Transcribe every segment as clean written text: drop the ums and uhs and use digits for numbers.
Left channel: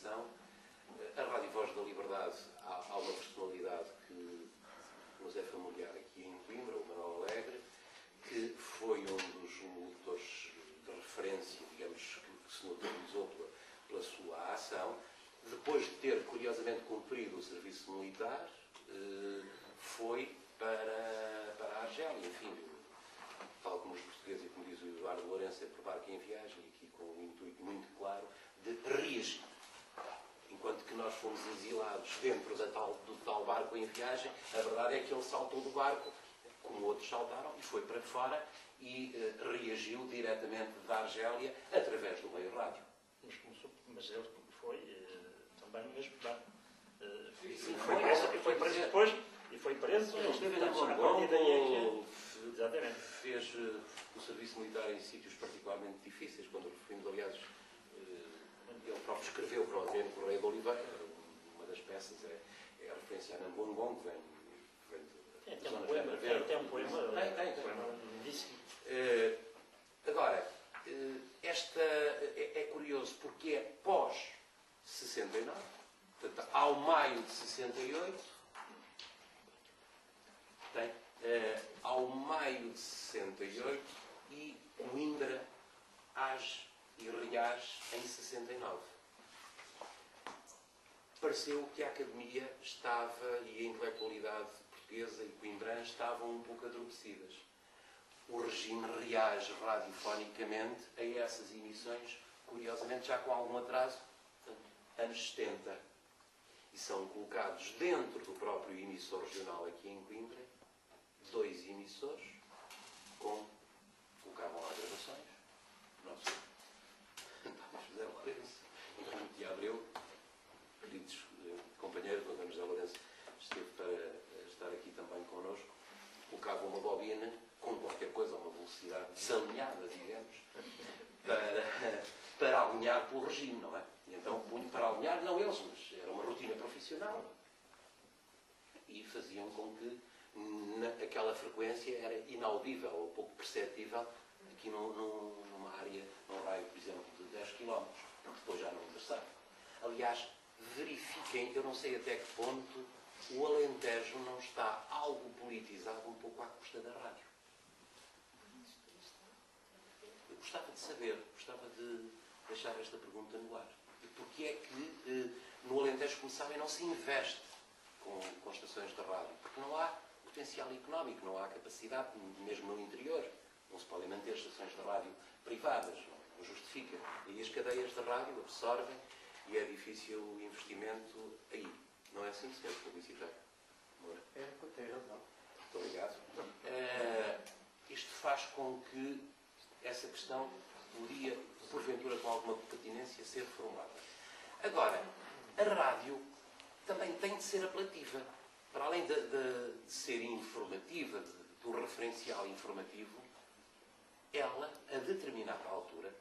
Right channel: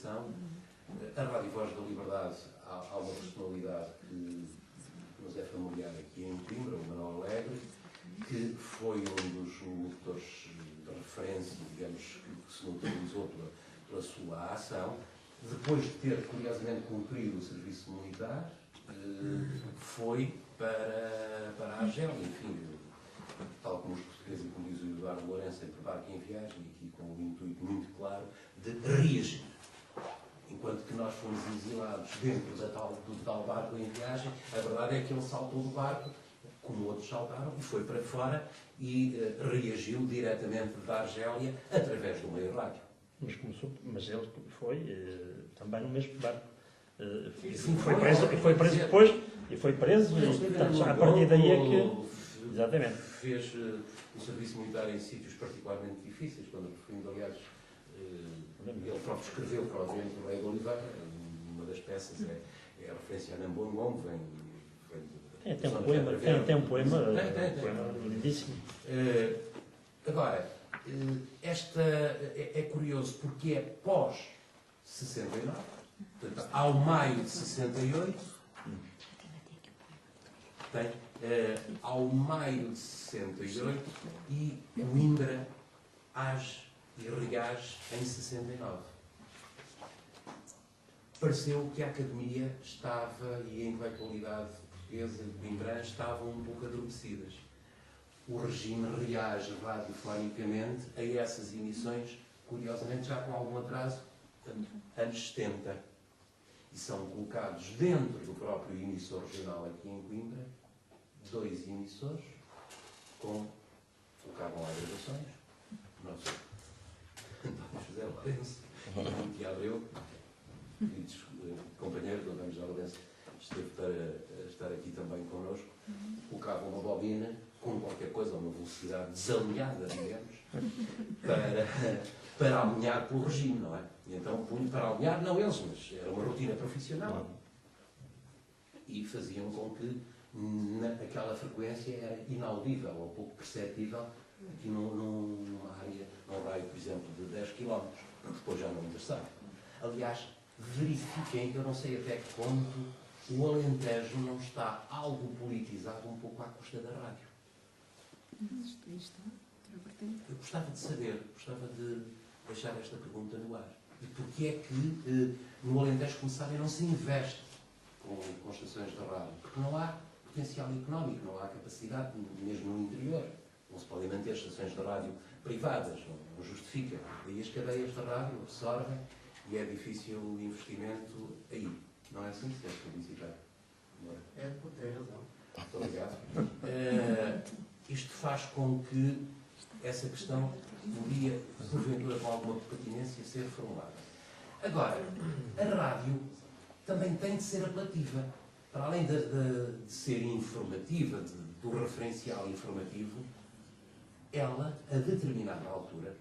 atenção. A Rádio Voz da Liberdade, há uma personalidade que nos é familiar aqui em Coimbra, o Manuel Alegre, que foi um dos locutores de referência, digamos, que se notabilizou pela sua ação. Depois de ter, curiosamente, cumprido o serviço militar, foi para a Argélia, enfim, tal como os portugueses, e como diz o Eduardo Lourenço, por barco em viagem, aqui com um intuito muito claro de reagir. Enquanto que nós fomos exilados dentro do tal barco em viagem, a verdade é que ele saltou do barco, como outros saltaram, e foi para fora e reagiu diretamente da Argélia através do meio rádio. Mas ele foi também no mesmo barco. Sim, foi preso depois, e foi preso, e portanto, a partir daí é que... Exatamente. Fez o serviço militar em sítios particularmente difíceis, quando referimos, aliás, ele próprio escreveu para o Adriano Correia de Oliveira, uma das peças é a referência a Nambongon, que vem de... Tem um poema lindíssimo. Agora, esta é curioso porque é pós-69, portanto, ao maio de 68, ao maio de 68 e Coimbra age e reage em 69. Pareceu que a academia estava, e a intelectualidade portuguesa e coimbrã estavam um pouco adormecidas. O regime reage radiofonicamente a essas emissões, curiosamente já com algum atraso, anos 70. E são colocados dentro do próprio emissor regional aqui em Coimbra, 2 emissores, colocavam lá gravações. Nosso António José Lourenço, o Tiago Abreu, queridos companheiros do António José Lourenço, esteve para estar aqui também connosco, colocavam uma bobina com qualquer coisa, a uma velocidade desalinhada, digamos, para alinhar com o regime, não é? E então, para alinhar, não eles, mas era uma rotina profissional. E faziam com que aquela frequência era inaudível ou pouco perceptível aqui numa área, num raio, por exemplo, de 10 km, depois já não sabe. Aliás, verifiquem, eu não sei até que ponto o Alentejo não está algo politizado um pouco à custa da rádio. Eu gostava de saber, gostava de deixar esta pergunta no ar. E porquê é que no Alentejo começarem não se investe com estações de rádio? Porque não há potencial económico, não há capacidade, mesmo no interior. Não se podem manter estações de rádio privadas, não justifica. Aí as cadeias de rádio absorvem e é difícil o investimento aí. Não é assim, Sr. Publicitário? É, tem razão. Muito obrigado. Isto faz com que essa questão podia, porventura, com alguma pertinência, ser formulada. Agora, a rádio também tem de ser apelativa. Para além de ser informativa, do referencial informativo, ela, a determinada altura,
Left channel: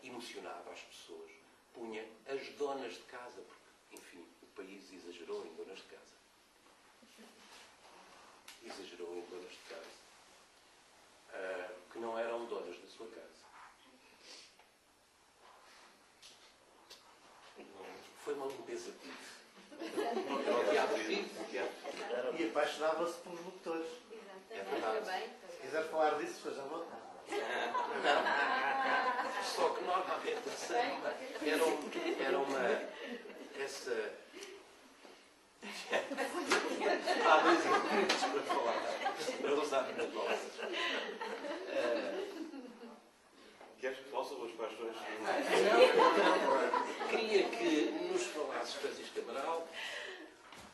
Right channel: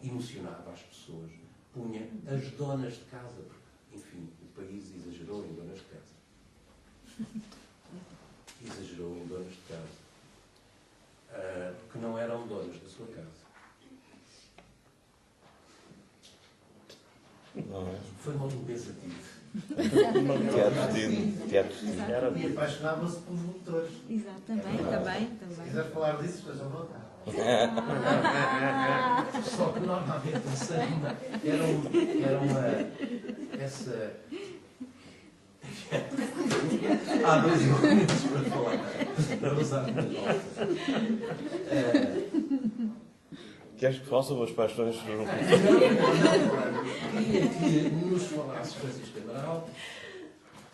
emocionava as pessoas, punha as donas de casa, porque, enfim, o país exagerou em donas de casa. Exagerou em donas de casa. Que não eram donas da sua casa. Foi uma limpeza tive. E apaixonava-se pelos locutores. Exatamente, Se quiser falar disso, esteja à vontade. Só que normalmente essa há 2 minutos para falar, para usar uma palavra. Queres que fale sobre as paixões do Queria que nos falasses, Francisco Amaral,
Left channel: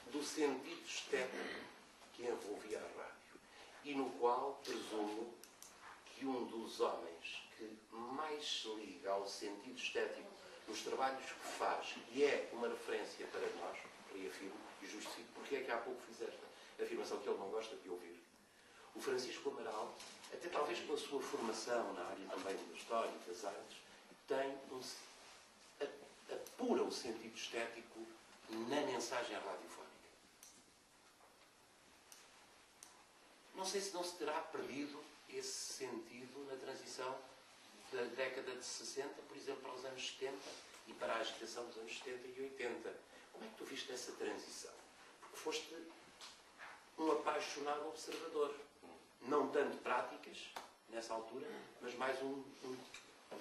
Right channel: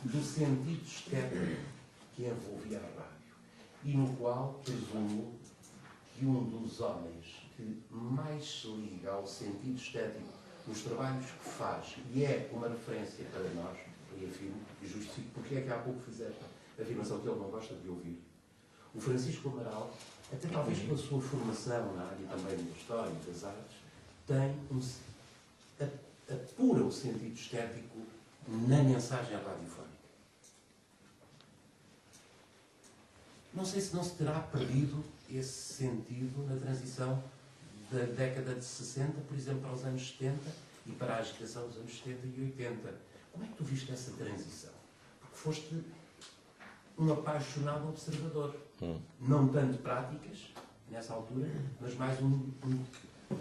do sentido estético que envolvia a rádio e no qual presumo que um dos homens que mais se liga ao sentido estético nos trabalhos que faz e é uma referência para nós, reafirmo e justifico porque é que há pouco fiz esta afirmação que ele não gosta de ouvir. O Francisco Amaral, até talvez pela sua formação na área também da história e das artes, tem apura o sentido estético na mensagem radiofónica. Não sei se não se terá perdido esse sentido na transição da década de 60, por exemplo, para os anos 70, e para a agitação dos anos 70 e 80. Como é que tu viste essa transição? Porque foste um apaixonado observador. Não tanto práticas, nessa altura, mas mais de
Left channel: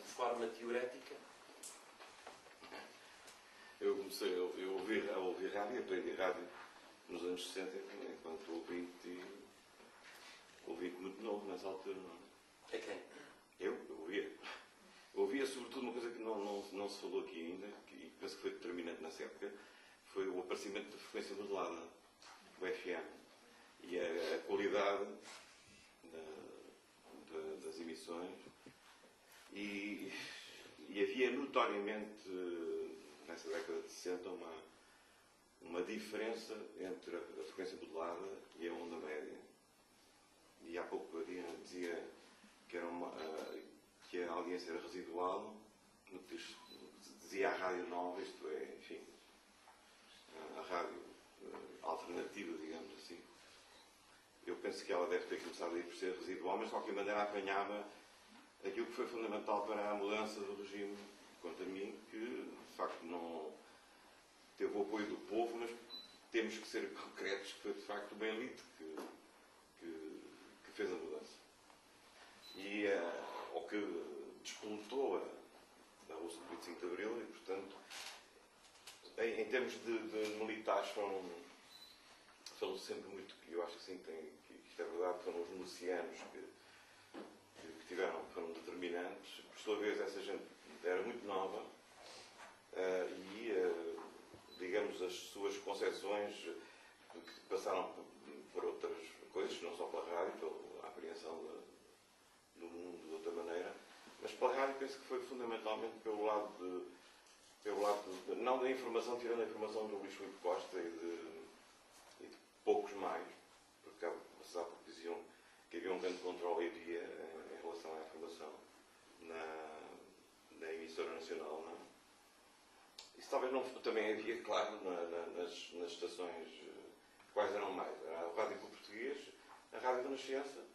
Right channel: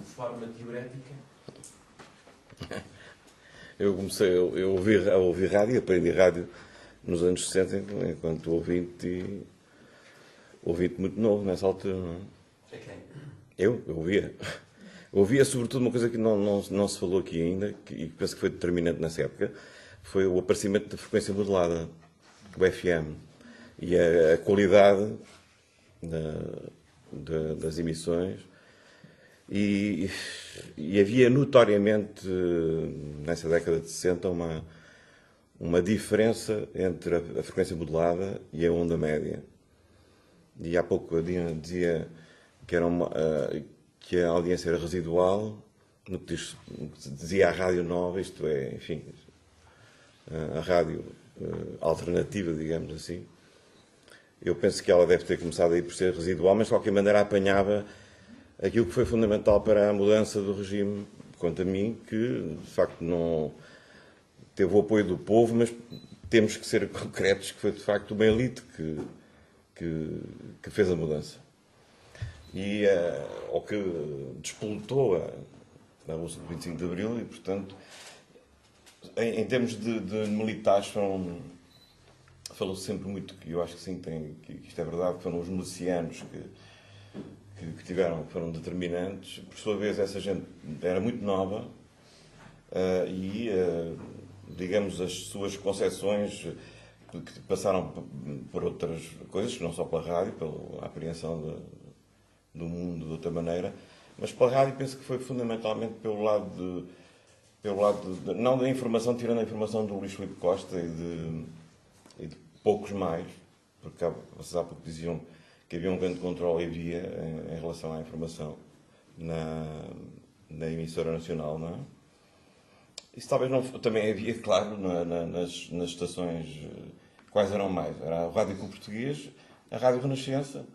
forma teorética. Eu comecei a ouvir rádio, aprendi rádio nos anos 60, enquanto ouvinte muito novo nessa altura. Não é? É quem? Eu ouvia. Eu ouvia sobretudo uma coisa que não se falou aqui ainda, e que penso que foi determinante nessa época, foi o aparecimento da frequência modulada, o FM, e a qualidade das emissões. E havia notoriamente, nessa década de 60, uma diferença entre a frequência modulada e a onda média. E há pouco a Dina dizia que a audiência era residual, no que dizia a rádio nova, isto é, enfim, a rádio alternativa, digamos assim. Eu penso que ela deve ter começado a ir por ser residual, mas de qualquer maneira apanhava aquilo que foi fundamental para a mudança do regime, quanto a mim, que de facto não teve o apoio do povo, mas temos que ser concretos que foi de facto uma elite que fez a mudança. E ou que despoletou a Bolsa de 25 de Abril e, portanto, em termos de militares falou-se sempre muito, que eu acho que sim, que isto é verdade, que foram os milicianos que foram determinantes. Por sua vez, essa gente era muito nova e, digamos, as suas concepções que passaram por outras coisas, não só pela rádio, pela apreensão do mundo de outra maneira, mas pela rádio penso que foi fundamentalmente pelo lado não da informação, tirando a informação do Luís Filipe Costa e de poucos mais, porque vocês há pouco diziam que havia um grande controle em relação à informação na emissora nacional, não é? Isso talvez não... Também havia, claro, nas estações... Quais eram mais? Era a Rádio Clube Português, a Rádio Renascença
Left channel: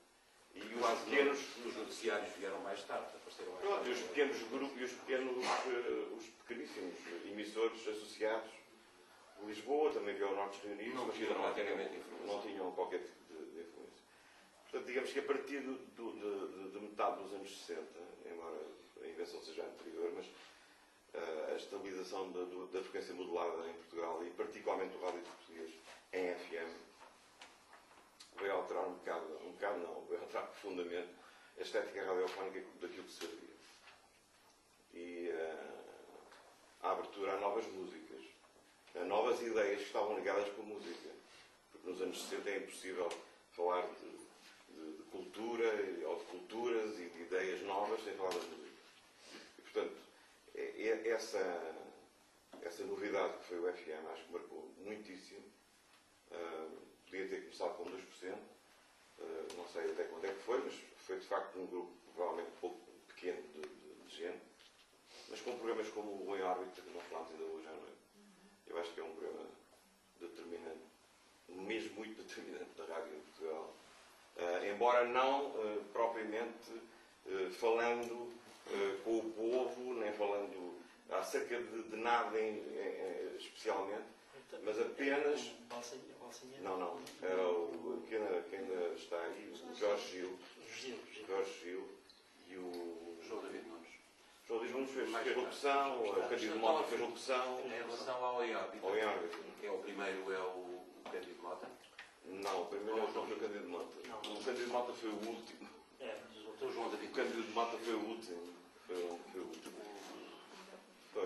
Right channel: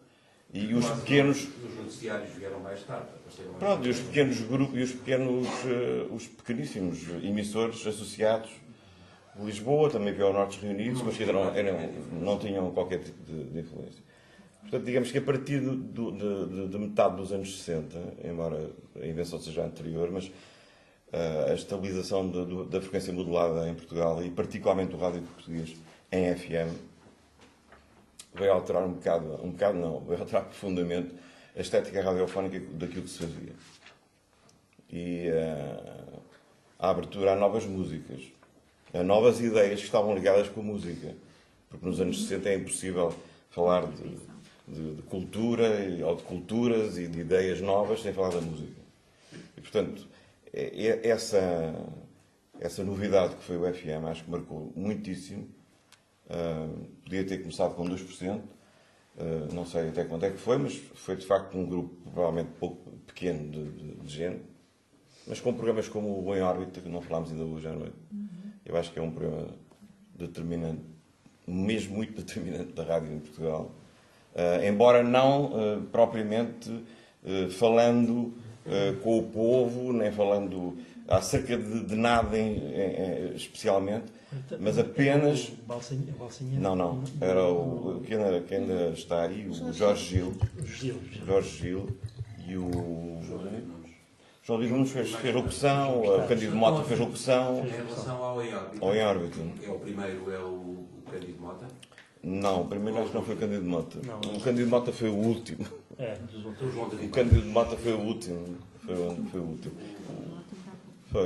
e os pequenos... Os noticiários vieram mais tarde. Pronto, e os pequenos grupos, e os pequeníssimos emissores associados de Lisboa, também havia o Norte Reunidos, mas que não tinham qualquer tipo de influência. Portanto, digamos que a partir de metade dos anos 60, embora a invenção seja anterior, mas a estabilização da frequência modulada em Portugal, e particularmente o rádio português em FM, veio alterar veio alterar profundamente a estética radiofónica daquilo que se fazia. E a abertura a novas músicas, a novas ideias que estavam ligadas com a música. Porque nos anos 60 é impossível falar de cultura, ou de culturas e de ideias novas sem falar da música. E, portanto, essa novidade que foi o FM, acho que marcou muitíssimo. Podia ter começado com 2%, não sei até quanto é que foi, mas foi de facto um grupo provavelmente pouco pequeno de gente, mas com programas como o Em Órbita, que não falámos ainda hoje à noite. Eu acho que é um programa determinante, mesmo muito determinante da rádio em Portugal, embora não propriamente falando com o povo, nem falando acerca de nada especialmente, mas apenas... Não. Era quem ainda está aí, o Jorge Gil e o... João Luís Nunes fez locução, o Cândido Mota fez locução. Em relação ao Em Órbita. O primeiro é o Cândido Mota? Não, o primeiro acho que não foi o Cândido Mota. O Cândido Mota foi o último. É, O Cândido Mota foi o último. Foi o último.